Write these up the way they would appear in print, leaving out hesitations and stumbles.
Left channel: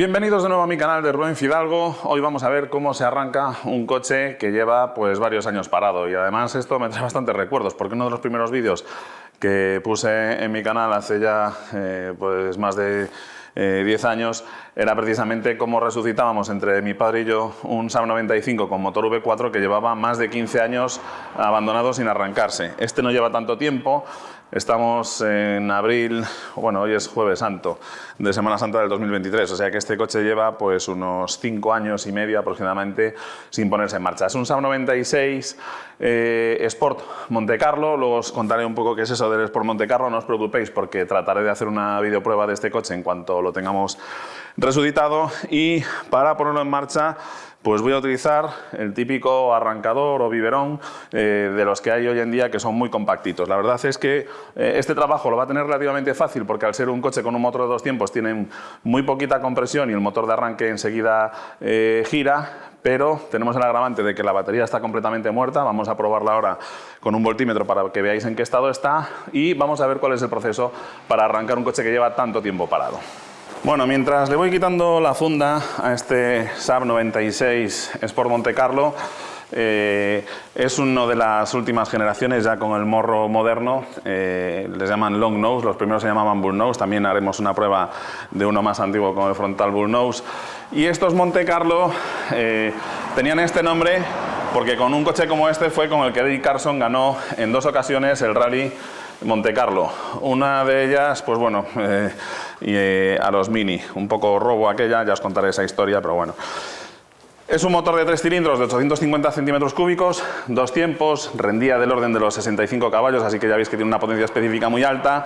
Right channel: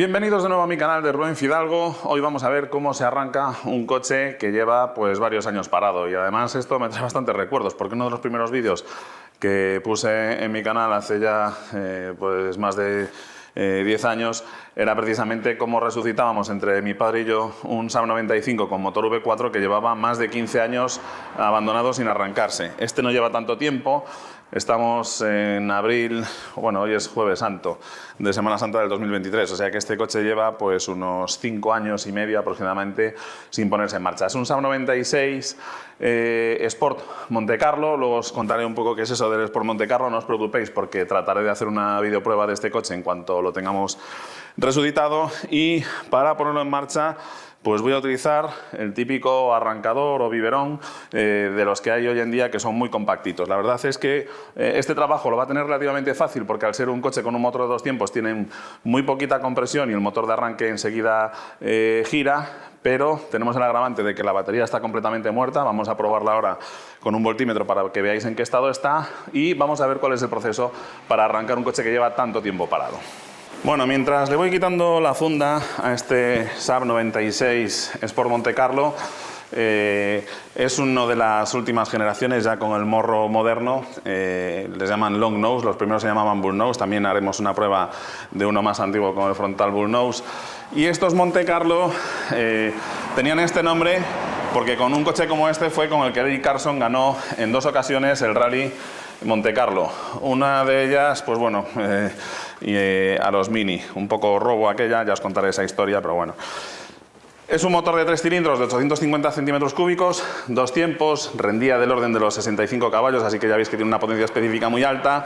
Bienvenidos de nuevo a mi canal de Rubén Fidalgo. Hoy vamos a ver cómo se arranca un coche que lleva pues varios años parado, y además esto me trae bastantes recuerdos porque uno de los primeros vídeos que puse en mi canal hace ya pues más de 10 años era precisamente cómo resucitábamos entre mi padre y yo un Saab 95 con motor V4 que llevaba más de 15 años abandonado sin arrancarse. Este no lleva tanto tiempo. Estamos en abril, bueno, hoy es Jueves Santo de Semana Santa del 2023, o sea que este coche lleva pues unos 5 años y medio aproximadamente sin ponerse en marcha. Es un Saab 96 Sport Monte Carlo. Luego os contaré un poco qué es eso del Sport Monte Carlo, no os preocupéis porque trataré de hacer una videoprueba de este coche en cuanto lo tengamos resucitado. Y para ponerlo en marcha pues voy a utilizar el típico arrancador o biberón de los que hay hoy en día, que son muy compactitos. La verdad es que este trabajo lo va a tener relativamente fácil porque al ser un coche con un motor de 2 tiempos tienen muy poquita compresión y el motor de arranque enseguida gira, pero tenemos el agravante de que la batería está completamente muerta. Vamos a probarla ahora con un voltímetro para que veáis en qué estado está y vamos a ver cuál es el proceso para arrancar un coche que lleva tanto tiempo parado. Bueno, mientras le voy quitando la funda a este Saab 96 Sport Monte Carlo, es uno de las últimas generaciones ya con el morro moderno, les llaman long nose, los primeros se llamaban bull nose, también haremos una prueba de uno más antiguo con el frontal bull nose. Y estos Monte Carlo tenían este nombre porque con un coche como este fue con el que Eddie Carson ganó en 2 ocasiones el Rally Monte Carlo. Una de ellas, pues bueno, a los Mini, un poco robo aquella, ya os contaré esa historia, pero bueno. Es un motor de 3 cilindros de 850 centímetros cúbicos, 2 tiempos, rendía del orden de los 65 caballos, así que ya veis que tiene una potencia específica muy alta,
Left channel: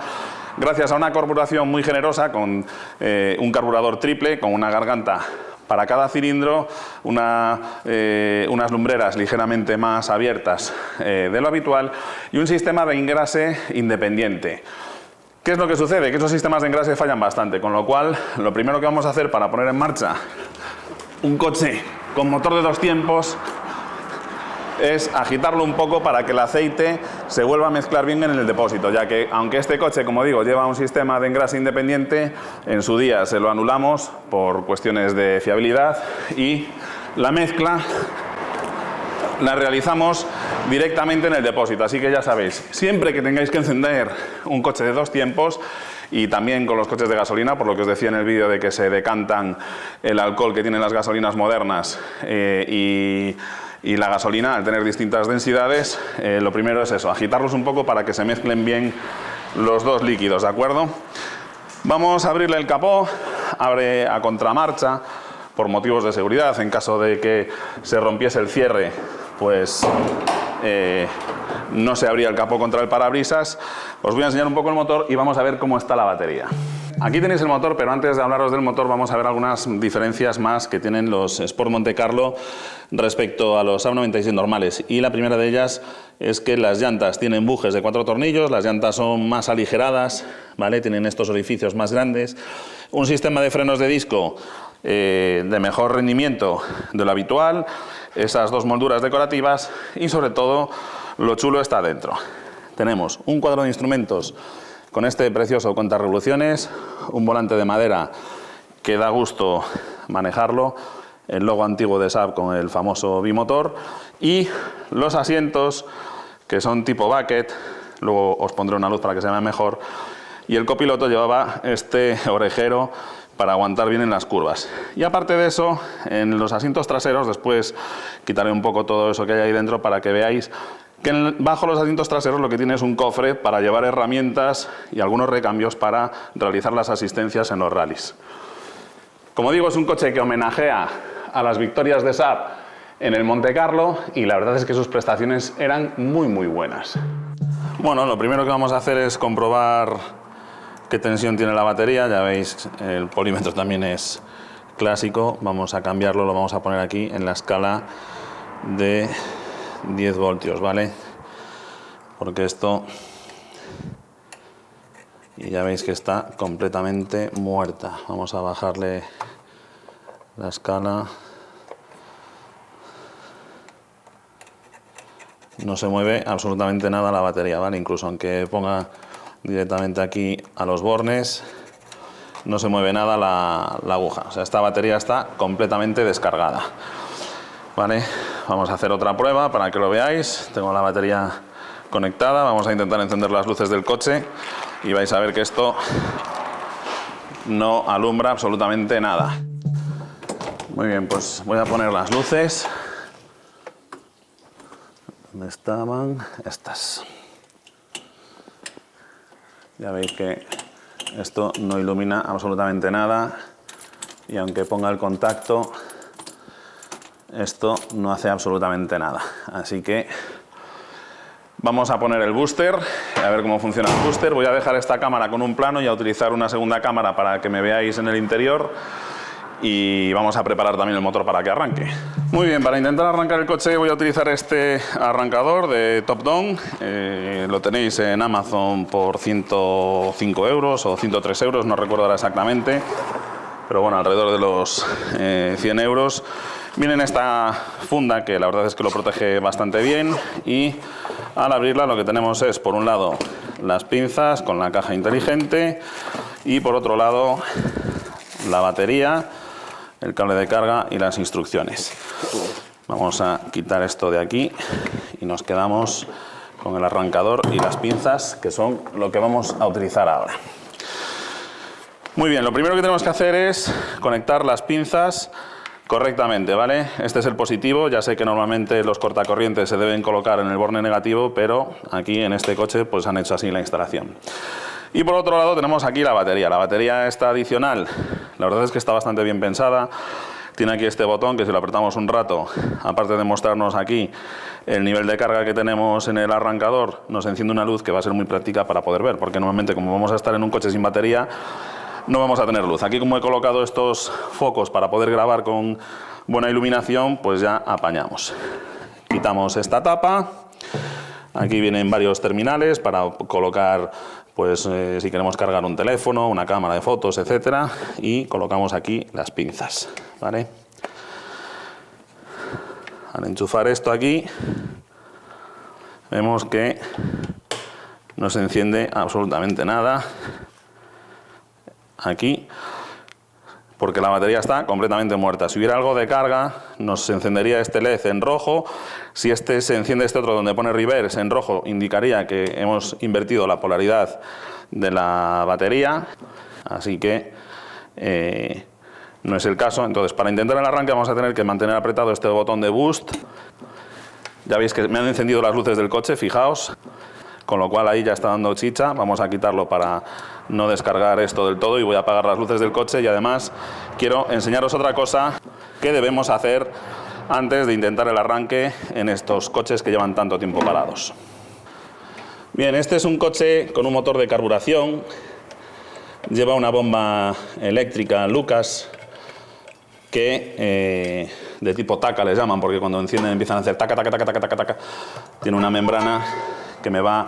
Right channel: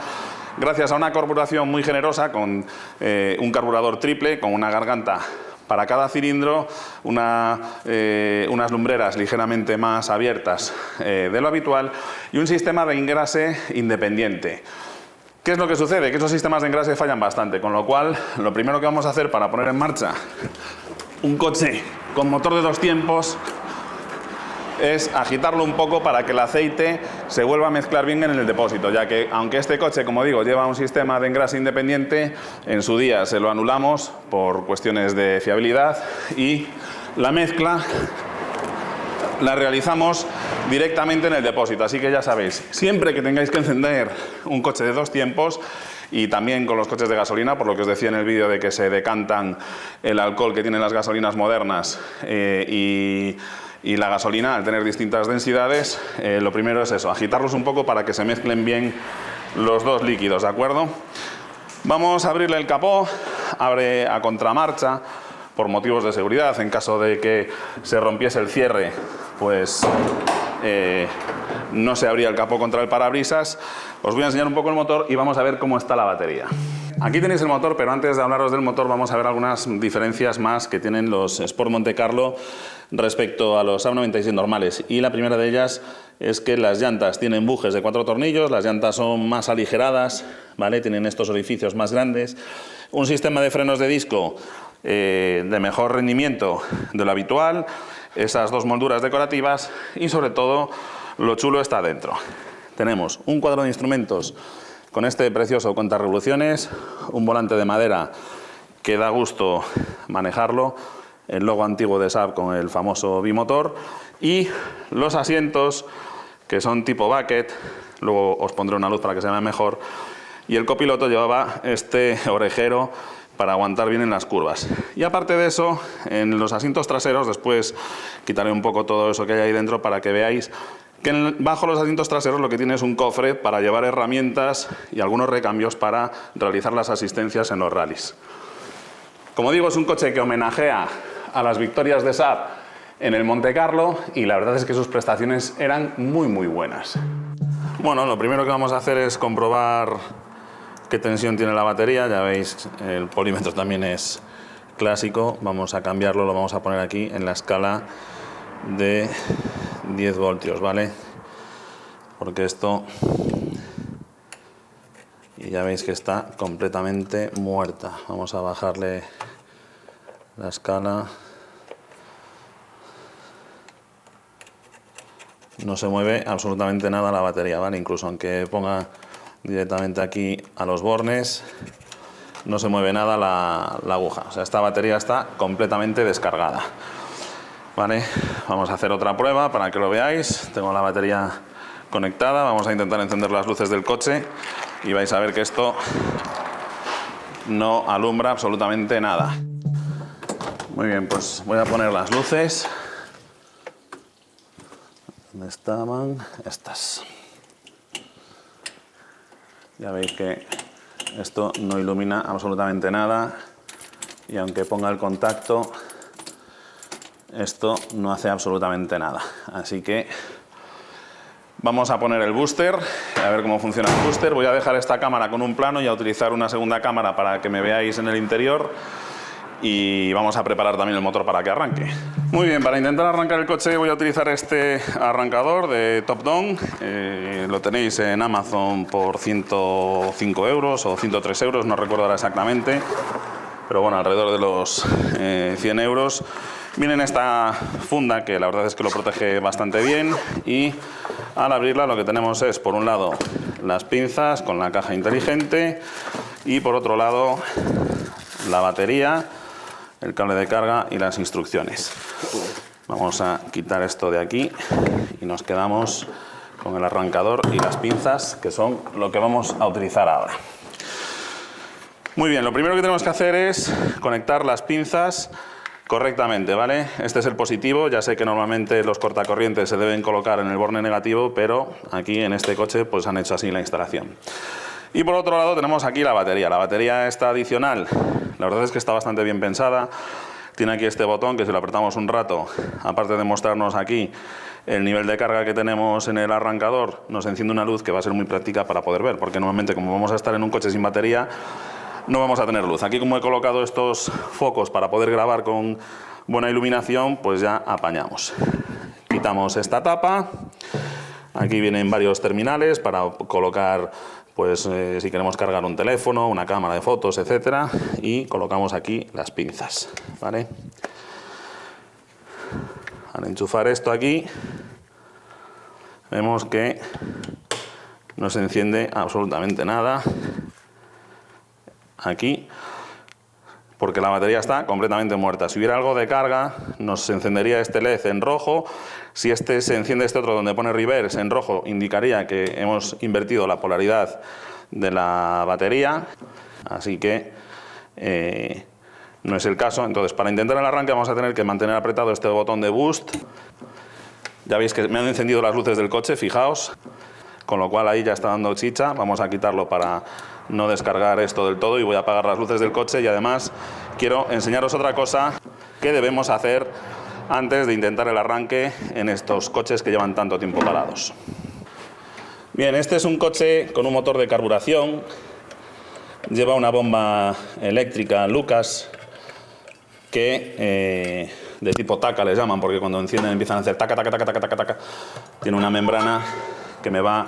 gracias a una carburación muy generosa con un carburador triple, con una garganta para cada cilindro, unas lumbreras ligeramente más abiertas de lo habitual y un sistema de engrase independiente. ¿Qué es lo que sucede? Que esos sistemas de engrase fallan bastante, con lo cual lo primero que vamos a hacer para poner en marcha un coche con motor de 2 tiempos es agitarlo un poco para que el aceite se vuelva a mezclar bien en el depósito, ya que aunque este coche, como digo, lleva un sistema de engrase independiente, en su día se lo anulamos por cuestiones de fiabilidad y la mezcla la realizamos directamente en el depósito. Así que ya sabéis, siempre que tengáis que encender un coche de 2 tiempos, y también con los coches de gasolina, por lo que os decía en el vídeo de que se decantan el alcohol que tienen las gasolinas modernas y la gasolina al tener distintas densidades, lo primero es eso, agitarlos un poco para que se mezclen bien los dos líquidos, ¿de acuerdo? Vamos a abrirle el capó, abre a contramarcha por motivos de seguridad. En caso de que se rompiese el cierre, pues no se abría el capó contra el parabrisas. Os voy a enseñar un poco el motor y vamos a ver cómo está la batería. Aquí tenéis el motor, pero antes de hablaros del motor vamos a ver algunas diferencias más que tienen los Sport Monte Carlo respecto a los Saab 96 normales. Y la primera de ellas es que las llantas tienen bujes de 4 tornillos, las llantas son más aligeradas, ¿vale? Tienen estos orificios más grandes, un sistema de frenos de disco de mejor rendimiento de lo habitual, esas 2 molduras decorativas y sobre todo lo chulo está dentro. Tenemos un cuadro de instrumentos con este precioso cuentarevoluciones, un volante de madera que da gusto manejarlo, el logo antiguo de Saab con el famoso bimotor y los asientos que son tipo bucket, luego os pondré una luz para que se vea mejor, y el copiloto llevaba este orejero para aguantar bien en las curvas. Y aparte de eso, en los asientos traseros, después quitaré un poco todo eso que hay ahí dentro para que veáis que bajo los asientos traseros lo que tiene es un cofre para llevar herramientas y algunos recambios para realizar las asistencias en los rallies. Como digo, es un coche que homenajea a las victorias de Saab en el Monte Carlo y la verdad es que sus prestaciones eran muy buenas. Bueno, lo primero que vamos a hacer es comprobar qué tensión tiene la batería. Ya veis, el polímetro también es clásico. Vamos a cambiarlo, lo vamos a poner aquí en la escala de 10 voltios, ¿vale? Porque esto, y ya veis que está completamente muerta. Vamos a bajarle la escala. No se mueve absolutamente nada la batería, ¿vale? Incluso aunque ponga directamente aquí a los bornes, no se mueve nada la aguja. O sea, esta batería está completamente descargada. Vale, vamos a hacer otra prueba para que lo veáis. Tengo la batería conectada, vamos a intentar encender las luces del coche y vais a ver que esto no alumbra absolutamente nada. Muy bien, pues voy a poner las luces. ¿Dónde estaban? Estas. Ya veis que esto no ilumina absolutamente nada y aunque ponga el contacto, esto no hace absolutamente nada. Así que vamos a poner el booster, a ver cómo funciona el booster. Voy a dejar esta cámara con un plano y a utilizar una segunda cámara para que me veáis en el interior. Y vamos a preparar también el motor para que arranque. Muy bien, para intentar arrancar el coche voy a utilizar este arrancador de Top Down. Lo tenéis en Amazon por 105 euros o 103 euros, no recuerdo ahora exactamente. Pero bueno, alrededor de los 100 euros. Viene en esta funda que la verdad es que lo protege bastante bien. Y al abrirla lo que tenemos es, por un lado, las pinzas con la caja inteligente. Y por otro lado, la batería, el cable de carga y las instrucciones. Vamos a quitar esto de aquí y nos quedamos con el arrancador y las pinzas, que son lo que vamos a utilizar ahora. Muy bien, lo primero que tenemos que hacer es conectar las pinzas correctamente, ¿vale? Este es el positivo. Ya sé que normalmente los cortacorrientes se deben colocar en el borne negativo, pero aquí en este coche pues han hecho así la instalación. Y por otro lado tenemos aquí la batería. La batería esta adicional, la verdad es que está bastante bien pensada. Tiene aquí este botón que si lo apretamos un rato, aparte de mostrarnos aquí el nivel de carga que tenemos en el arrancador, nos enciende una luz que va a ser muy práctica para poder ver, porque normalmente como vamos a estar en un coche sin batería, no vamos a tener luz. Aquí como he colocado estos focos para poder grabar con buena iluminación, pues ya apañamos. Quitamos esta tapa. Aquí vienen varios terminales para colocar, pues si queremos cargar un teléfono, una cámara de fotos, etcétera, y colocamos aquí las pinzas, ¿vale? Al enchufar esto aquí, vemos que no se enciende absolutamente nada aquí, porque la batería está completamente muerta. Si hubiera algo de carga, nos encendería este LED en rojo. Si se enciende este otro donde pone reverse en rojo, indicaría que hemos invertido la polaridad de la batería, así que no es el caso. Entonces, para intentar el arranque vamos a tener que mantener apretado este botón de boost. Ya veis que me han encendido las luces del coche, fijaos, con lo cual ahí ya está dando chicha. Vamos a quitarlo para no descargar esto del todo y voy a apagar las luces del coche. Y además quiero enseñaros otra cosa que debemos hacer antes de intentar el arranque en estos coches que llevan tanto tiempo parados. Bien, este es un coche con un motor de carburación. Lleva una bomba eléctrica Lucas que de tipo taca les llaman, porque cuando encienden empiezan a hacer taca, taca, taca, taca, taca, taca. Tiene una membrana que me va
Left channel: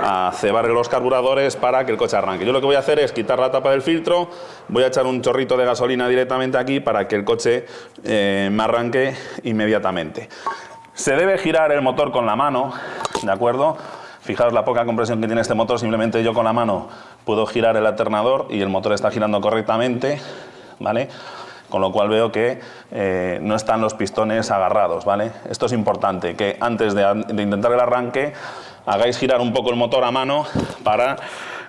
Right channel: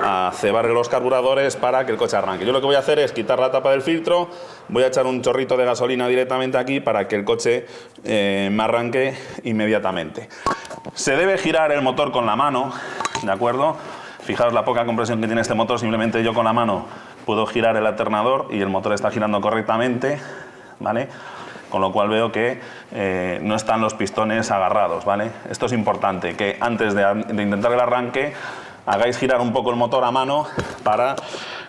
a cebar los carburadores para que el coche arranque. Yo lo que voy a hacer es quitar la tapa del filtro, voy a echar un chorrito de gasolina directamente aquí para que el coche me arranque inmediatamente. Se debe girar el motor con la mano, ¿de acuerdo? Fijaos la poca compresión que tiene este motor, simplemente yo con la mano puedo girar el alternador y el motor está girando correctamente, ¿vale? Con lo cual veo que no están los pistones agarrados, ¿vale? Esto es importante, que antes de intentar el arranque hagáis girar un poco el motor a mano para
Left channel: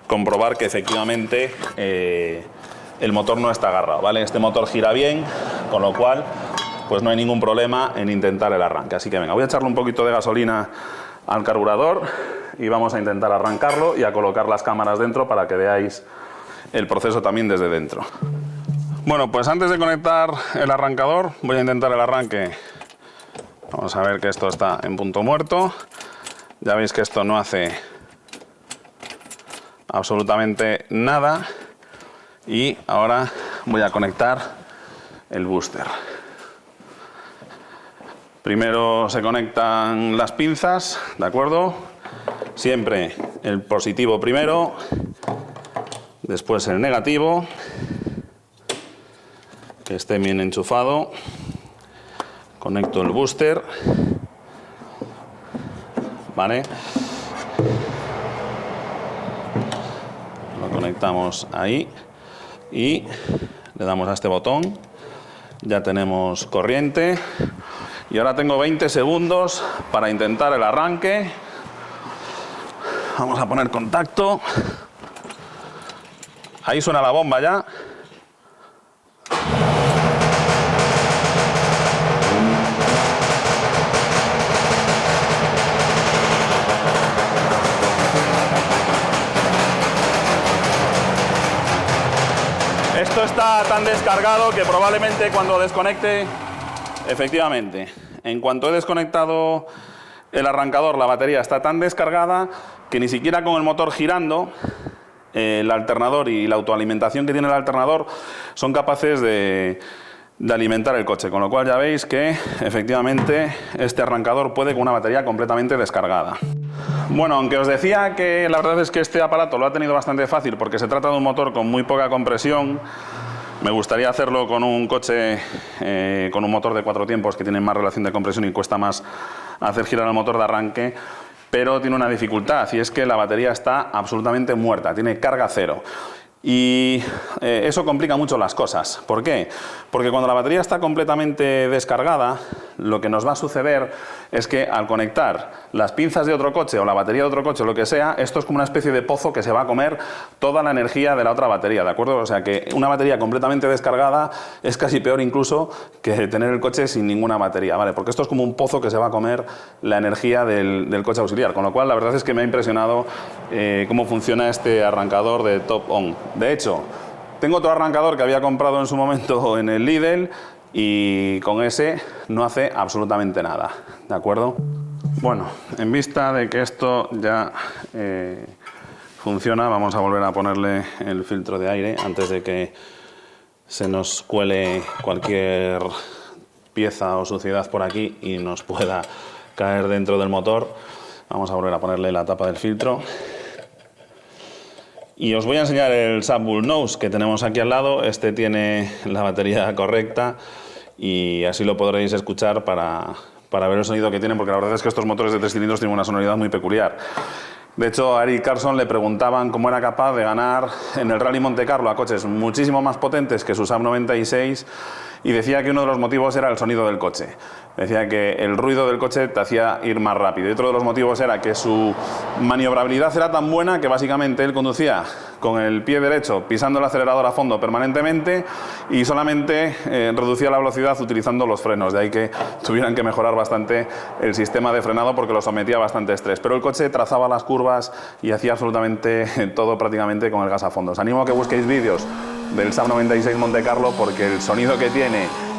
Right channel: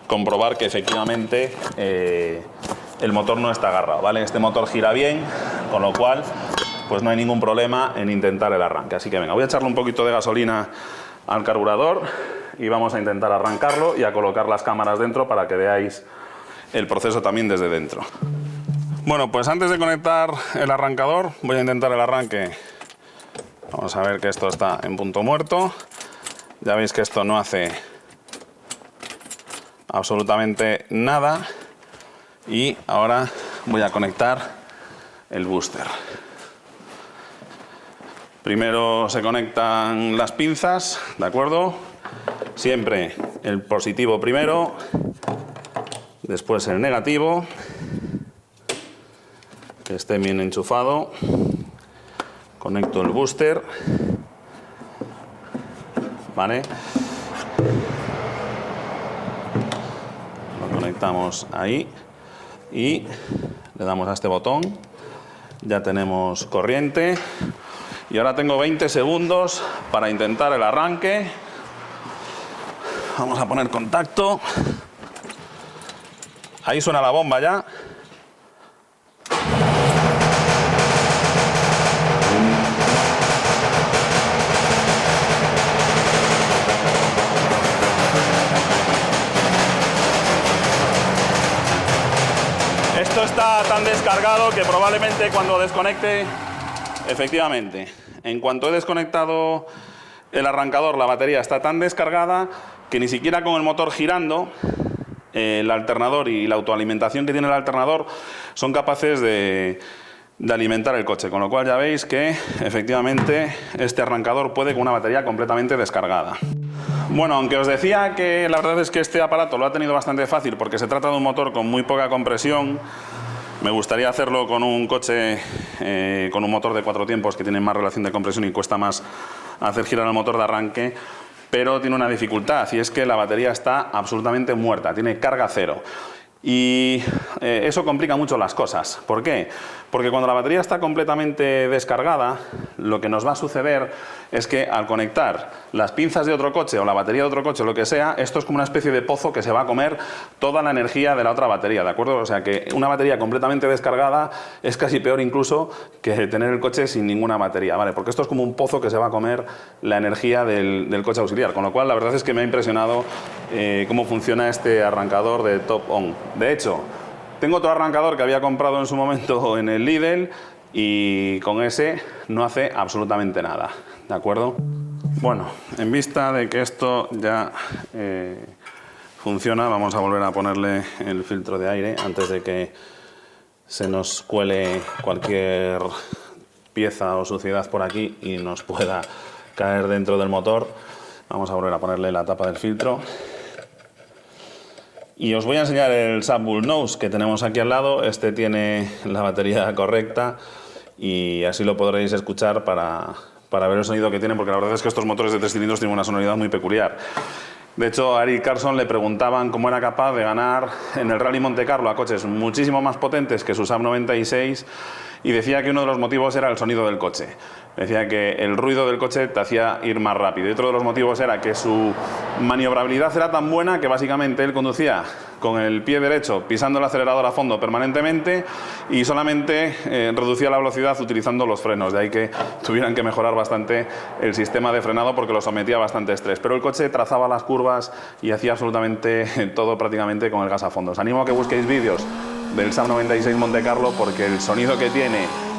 comprobar que efectivamente el motor no está agarrado, ¿vale? Este motor gira bien, con lo cual pues no hay ningún problema en intentar el arranque. Así que venga, voy a echarle un poquito de gasolina al carburador y vamos a intentar arrancarlo y a colocar las cámaras dentro para que veáis el proceso también desde dentro. Bueno, pues antes de conectar el arrancador voy a intentar el arranque. Vamos a ver que esto está en punto muerto. Ya veis que esto no hace absolutamente nada. Y ahora voy a conectar el booster. Primero se conectan las pinzas, ¿de acuerdo? Siempre el positivo primero, después el negativo, que esté bien enchufado. Conecto el booster, ¿vale? Lo conectamos ahí y le damos a este botón. Ya tenemos corriente y ahora tengo 20 segundos para intentar el arranque. Vamos a poner contacto. Ahí suena la bomba ya. Esto está tan descargado que probablemente cuando desconecte, efectivamente, en cuanto he desconectado el arrancador, la batería está tan descargada que ni siquiera con el motor girando, el alternador y la autoalimentación que tiene el alternador son capaces de alimentar el coche, con lo cual ya veis que efectivamente este arrancador puede con una batería completamente descargada. Bueno, aunque os decía que la verdad es que este aparato lo ha tenido bastante fácil porque se trata de un motor con muy poca compresión, me gustaría hacerlo con un coche con un motor de 4 tiempos que tiene más relación de compresión y cuesta más hacer girar el motor de arranque, pero tiene una dificultad y es que la batería está absolutamente muerta, tiene carga cero. Y eso complica mucho las cosas. ¿Por qué? Porque cuando la batería está completamente descargada, lo que nos va a suceder es que al conectar las pinzas de otro coche o la batería de otro coche o lo que sea, esto es como una especie de pozo que se va a comer toda la energía de la otra batería, ¿de acuerdo? O sea que una batería completamente descargada es casi peor incluso que tener el coche sin ninguna batería, ¿vale? Porque esto es como un pozo que se va a comer la energía del coche auxiliar, con lo cual la verdad es que me ha impresionado cómo funciona este arrancador de Top On. De hecho, tengo otro arrancador que había comprado en su momento en el Lidl y con ese no hace absolutamente nada, ¿de acuerdo? Bueno, en vista de que esto ya funciona, vamos a volver a ponerle el filtro de aire antes de que se nos cuele cualquier pieza o suciedad por aquí y nos pueda caer dentro del motor. Vamos a volver a ponerle la tapa del filtro. Y os voy a enseñar el Subwool Nose que tenemos aquí al lado. Este tiene la batería correcta y así lo podréis escuchar para ver el sonido que tiene, porque la verdad es que estos motores de 3 cilindros tienen una sonoridad muy peculiar. De hecho, a Eric Carlson le preguntaban cómo era capaz de ganar en el Rally Monte Carlo a coches muchísimo más potentes que su Saab 96 y decía que uno de los motivos era el sonido del coche. Decía que el ruido del coche te hacía ir más rápido y otro de los motivos era que su maniobrabilidad era tan buena que básicamente él conducía con el pie derecho pisando el acelerador a fondo permanentemente y solamente reducía la velocidad utilizando los frenos, de ahí que tuvieran que mejorar bastante el sistema de frenado porque lo sometía a bastante estrés, pero el coche trazaba las curvas y hacía absolutamente todo prácticamente con el gas a fondo. Os animo a que busquéis vídeos del Saab 96 Monte Carlo porque el sonido que tiene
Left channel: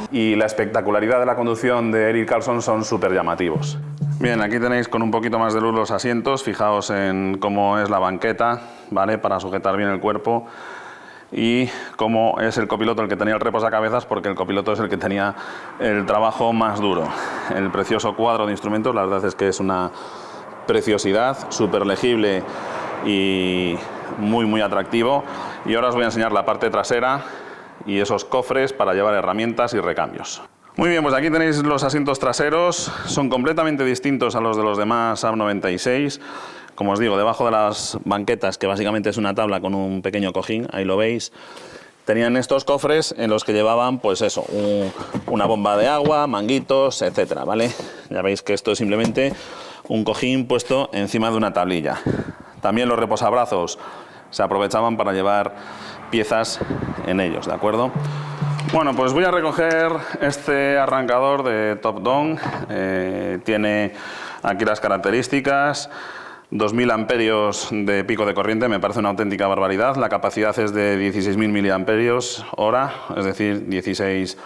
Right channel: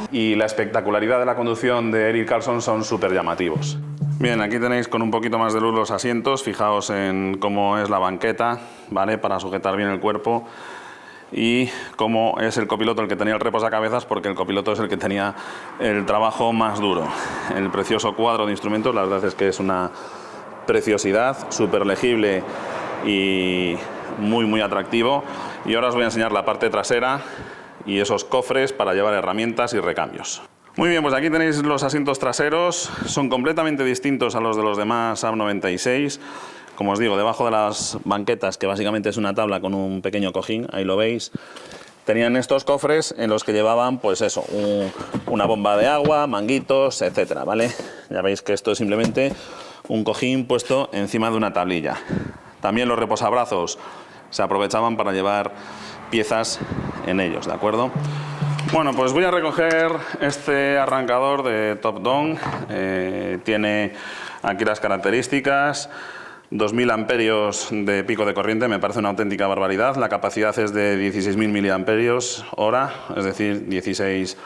y la espectacularidad de la conducción de Eric Carlson son súper llamativos. Bien, aquí tenéis con un poquito más de luz los asientos, fijaos en cómo es la banqueta, ¿vale? Para sujetar bien el cuerpo y cómo es el copiloto el que tenía el reposacabezas, porque el copiloto es el que tenía el trabajo más duro. El precioso cuadro de instrumentos, la verdad es que es una preciosidad, súper legible y muy atractivo. Y ahora os voy a enseñar la parte trasera y esos cofres para llevar herramientas y recambios. Muy bien, pues aquí tenéis los asientos traseros, son completamente distintos a los de los demás Saab 96. Como os digo, debajo de las banquetas, que básicamente es una tabla con un pequeño cojín, ahí lo veis, tenían estos cofres en los que llevaban, pues eso, una bomba de agua, manguitos, etcétera, ¿vale? Ya veis que esto es simplemente un cojín puesto encima de una tablilla. También los reposabrazos se aprovechaban para llevar piezas en ellos, ¿de acuerdo? Bueno, pues voy a recoger este arrancador de Top Down. Tiene aquí las características: 2000 amperios de pico de corriente, me parece una auténtica barbaridad. La capacidad es de 16.000 miliamperios hora, es decir, 16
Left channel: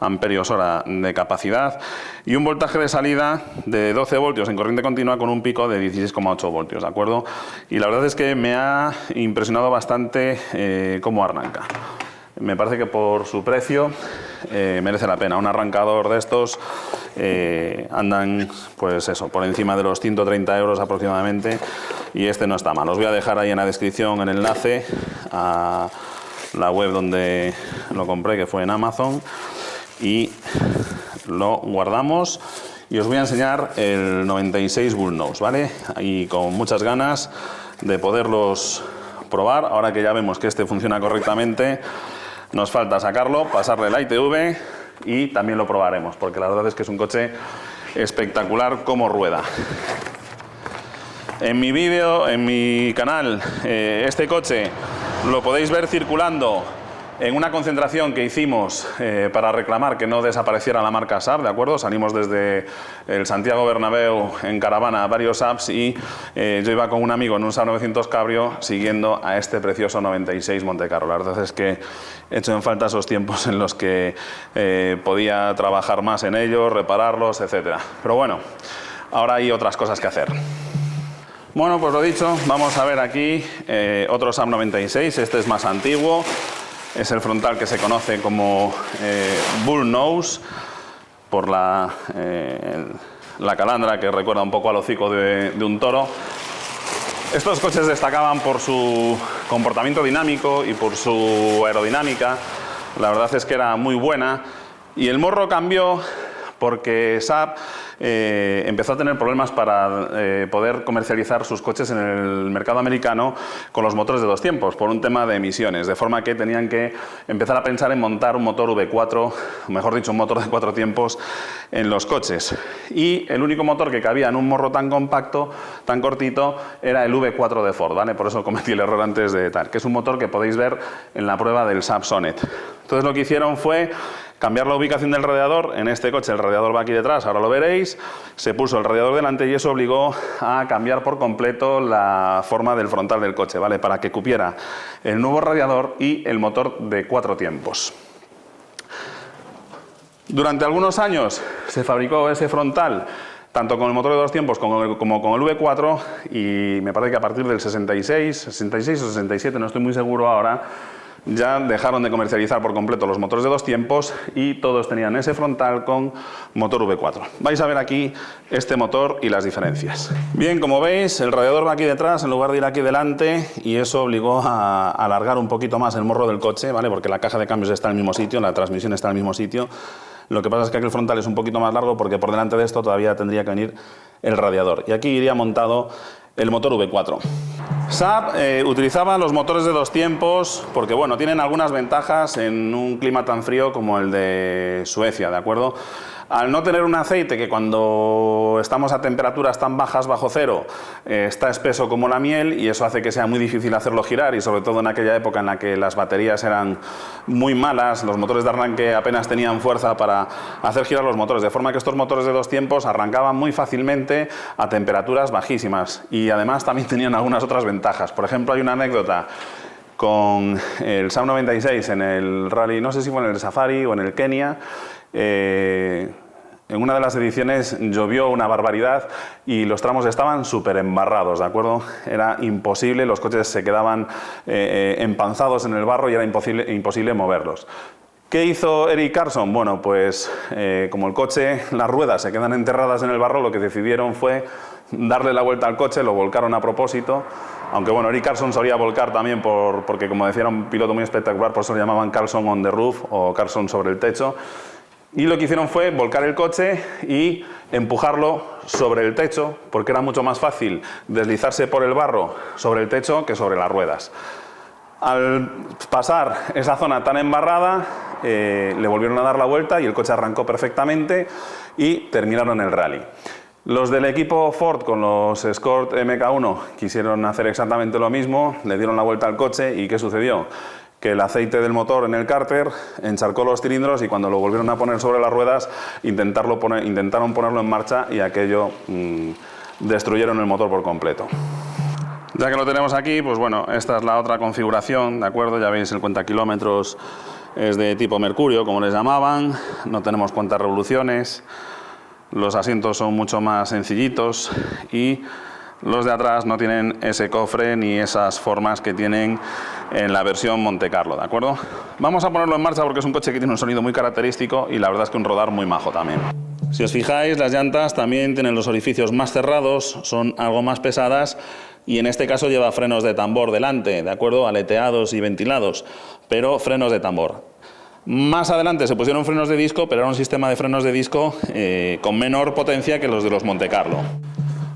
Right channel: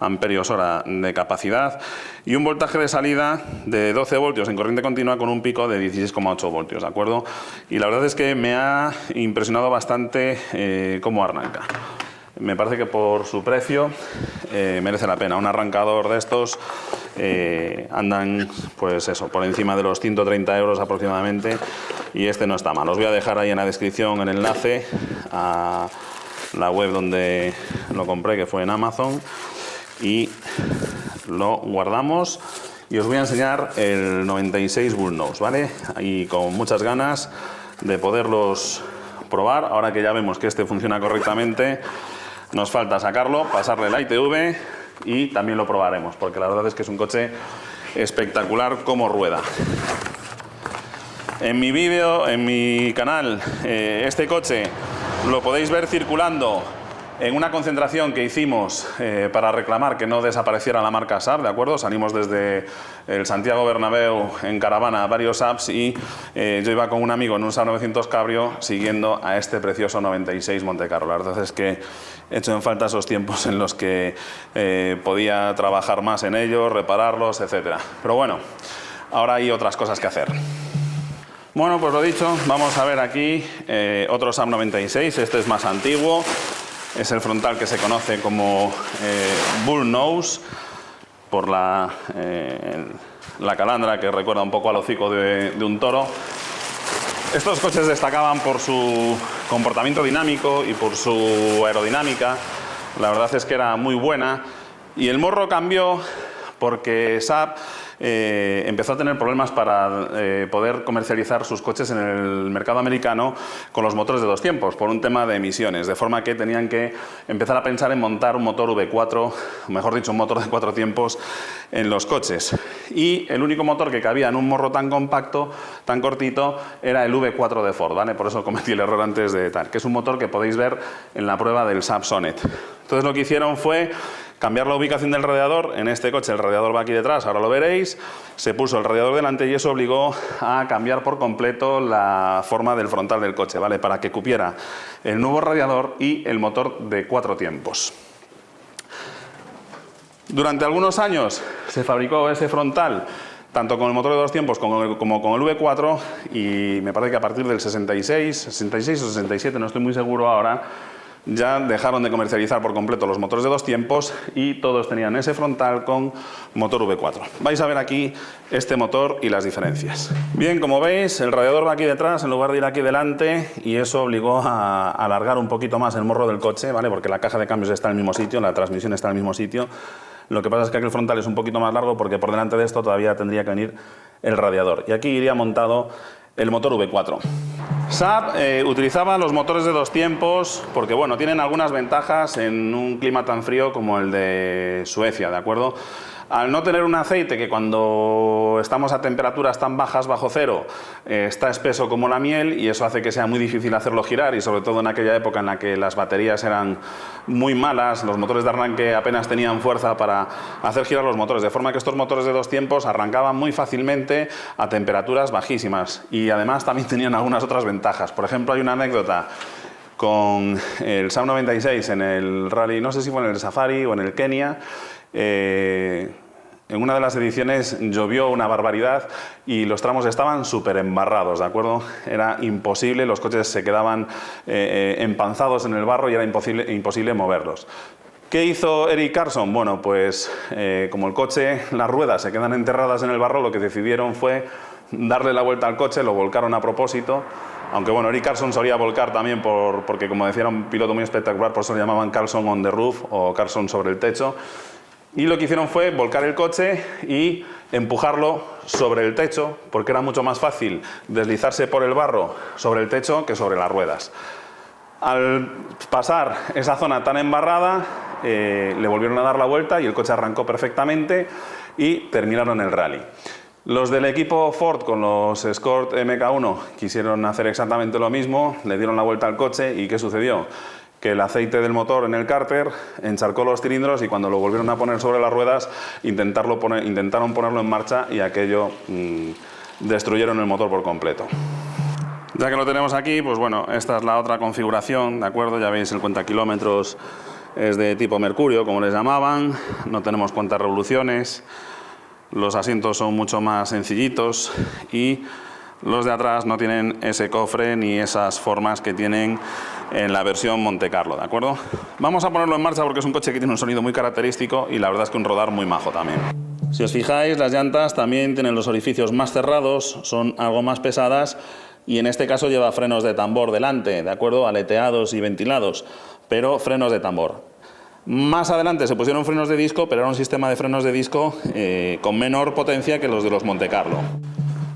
amperios hora de capacidad, y un voltaje de salida de 12 voltios en corriente continua con un pico de 16,8 voltios, ¿de acuerdo? Y la verdad es que me ha impresionado bastante cómo arranca. Me parece que por su precio merece la pena. Un arrancador de estos andan, pues eso, por encima de los 130 euros aproximadamente, y este no está mal. Os voy a dejar ahí en la descripción el enlace a la web donde lo compré, que fue en Amazon, y lo guardamos. Y os voy a enseñar el 96 Bull Nose, ¿vale? Ahí con muchas ganas de poderlos probar, ahora que ya vemos que este funciona correctamente. Nos falta sacarlo, pasarle la ITV y también lo probaremos, porque la verdad es que es un coche espectacular como rueda. En mi vídeo, en mi canal, este coche lo podéis ver circulando en una concentración que hicimos para reclamar que no desapareciera la marca Saab, ¿de acuerdo? Salimos desde el Santiago Bernabéu en caravana a varios Saabs y yo iba con un amigo en un Saab 900 Cabrio siguiendo a este precioso 96 Montecarlo. La verdad es que he hecho en falta esos tiempos en los que podía trabajar más en ellos, repararlos, etc. Pero bueno, ahora hay otras cosas que hacer. Bueno, pues lo dicho, vamos a ver aquí otro Saab 96, este es más antiguo, es el frontal que se conoce como Bull Nose, por la calandra que recuerda un poco al hocico de un toro. Estos coches destacaban por su comportamiento dinámico y por su aerodinámica, la verdad es que era muy buena, y el morro cambió porque Saab empezó a tener problemas para poder comercializar sus coches en el mercado americano con los motores de 2 tiempos, por un tema de emisiones, de forma que tenían que empezar a pensar en montar un motor V4, mejor dicho, un motor de 4 tiempos en los coches. Y el único motor que cabía en un morro tan compacto, tan cortito, era el V4 de Ford, ¿vale? Por eso cometí el error antes de tal, que es un motor que podéis ver en la prueba del Saab Sonnet. Entonces lo que hicieron fue cambiar la ubicación del radiador. En este coche el radiador va aquí detrás, ahora lo veréis. Se puso el radiador delante y eso obligó a cambiar por completo la forma del frontal del coche, ¿vale? Para que cupiera el nuevo radiador y el motor de 4 tiempos. Durante algunos años se fabricó ese frontal tanto con el motor de 2 tiempos como con el V4, y me parece que a partir del 66 o 67, no estoy muy seguro ahora, ya dejaron de comercializar por completo los motores de 2 tiempos y todos tenían ese frontal con motor V4. Vais a ver aquí este motor y las diferencias. Bien, como veis, el radiador va aquí detrás en lugar de ir aquí delante, y eso obligó a alargar un poquito más el morro del coche, ¿vale? Porque la caja de cambios está en el mismo sitio, la transmisión está en el mismo sitio. Lo que pasa es que aquí el frontal es un poquito más largo porque por delante de esto todavía tendría que venir el radiador, y aquí iría montado el motor V4. Saab utilizaba los motores de 2 tiempos porque, bueno, tienen algunas ventajas en un clima tan frío como el de Suecia, ¿de acuerdo? Al no tener un aceite que cuando estamos a temperaturas tan bajas, bajo cero, está espeso como la miel, y eso hace que sea muy difícil hacerlo girar, y sobre todo en aquella época en la que las baterías eran muy malas, los motores de arranque apenas tenían fuerza para hacer girar los motores, de forma que estos motores de 2 tiempos arrancaban muy fácilmente a temperaturas bajísimas, y además también tenían algunas otras ventajas. Por ejemplo, hay una anécdota con el Saab 96 en el rally, no sé si fue en el Safari o en el Kenia. En una de las ediciones llovió una barbaridad y los tramos estaban súper embarrados, ¿de acuerdo? Era imposible, los coches se quedaban empanzados en el barro y era imposible moverlos. ¿Qué hizo Eric Carson? Bueno, pues como el coche, las ruedas se quedan enterradas en el barro, lo que decidieron fue darle la vuelta al coche, lo volcaron a propósito. Aunque bueno, Eric Carson solía volcar también porque, como decía, era un piloto muy espectacular, por eso lo llamaban Carson on the roof o Carson sobre el techo. Y lo que hicieron fue volcar el coche y empujarlo sobre el techo, porque era mucho más fácil deslizarse por el barro sobre el techo que sobre las ruedas. Al pasar esa zona tan embarrada, le volvieron a dar la vuelta y el coche arrancó perfectamente y terminaron el rally. Los del equipo Ford con los Escort MK1 quisieron hacer exactamente lo mismo, le dieron la vuelta al coche y ¿qué sucedió? Que el aceite del motor en el cárter encharcó los cilindros y cuando lo volvieron a poner sobre las ruedas intentaron ponerlo en marcha y aquello destruyeron el motor por completo. Ya que lo tenemos aquí, pues bueno, esta es la otra configuración, ¿de acuerdo? Ya veis, el cuentakilómetros es de tipo Mercurio, como les llamaban, no tenemos cuentas revoluciones, los asientos son mucho más sencillitos y los de atrás no tienen ese cofre ni esas formas que tienen en la versión Montecarlo, ¿de acuerdo? Vamos a ponerlo en marcha porque es un coche que tiene un sonido muy característico y la verdad es que un rodar muy majo también. Si os fijáis, las llantas también tienen los orificios más cerrados, son algo más pesadas y en este caso lleva frenos de tambor delante, ¿de acuerdo? Aleteados y ventilados, pero frenos de tambor. Más adelante se pusieron frenos de disco, pero era un sistema de frenos de disco con menor potencia que los de los Montecarlo.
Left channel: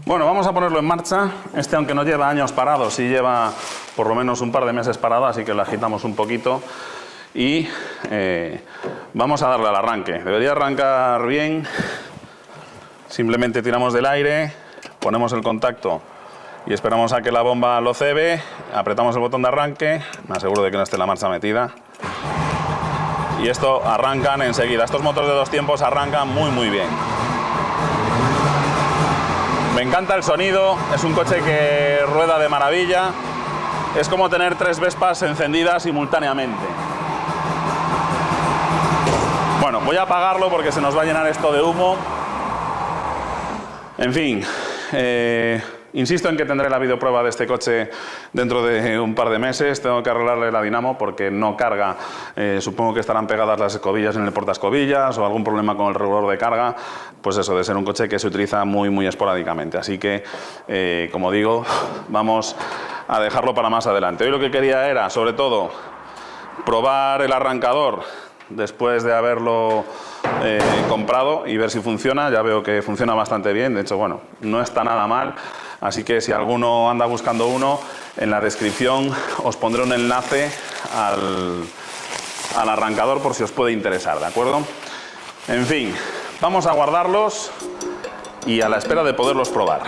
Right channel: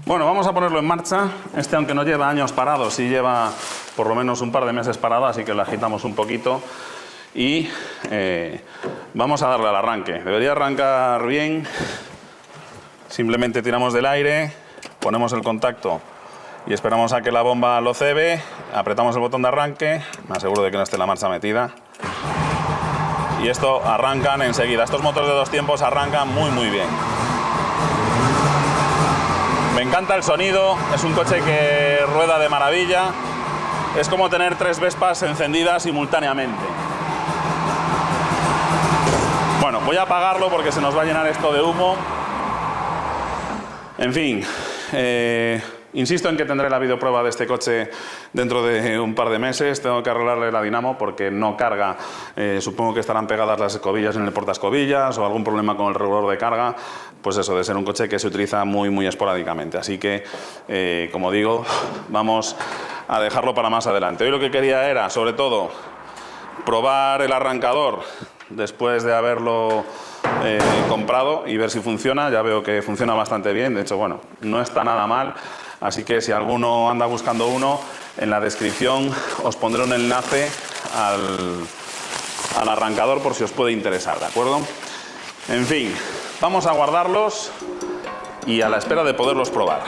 Bueno, vamos a ponerlo en marcha. Este, aunque no lleva años parado, sí lleva por lo menos un par de meses parado, así que lo agitamos un poquito y vamos a darle al arranque. Debería arrancar bien. Simplemente tiramos del aire, ponemos el contacto y esperamos a que la bomba lo cebe, apretamos el botón de arranque, me aseguro de que no esté la marcha metida y esto arrancan enseguida. Estos motores de 2 tiempos arrancan muy bien. Me encanta el sonido, es un coche que rueda de maravilla, es como tener 3 Vespas encendidas simultáneamente. Bueno, voy a apagarlo porque se nos va a llenar esto de humo. En fin, insisto en que tendré la videoprueba de este coche dentro de un par de meses. Tengo que arreglarle la dinamo porque no carga. Supongo que estarán pegadas las escobillas en el portaescobillas o algún problema con el regulador de carga. Pues eso, de ser un coche que se utiliza muy esporádicamente. Así que, como digo, vamos a dejarlo para más adelante. Hoy lo que quería era, sobre todo, probar el arrancador después de haberlo comprado y ver si funciona. Ya veo que funciona bastante bien, de hecho, bueno, no está nada mal, así que si alguno anda buscando uno, en la descripción os pondré un enlace al arrancador por si os puede interesar, ¿de acuerdo? En fin, vamos a guardarlos y a la espera de poderlos probar.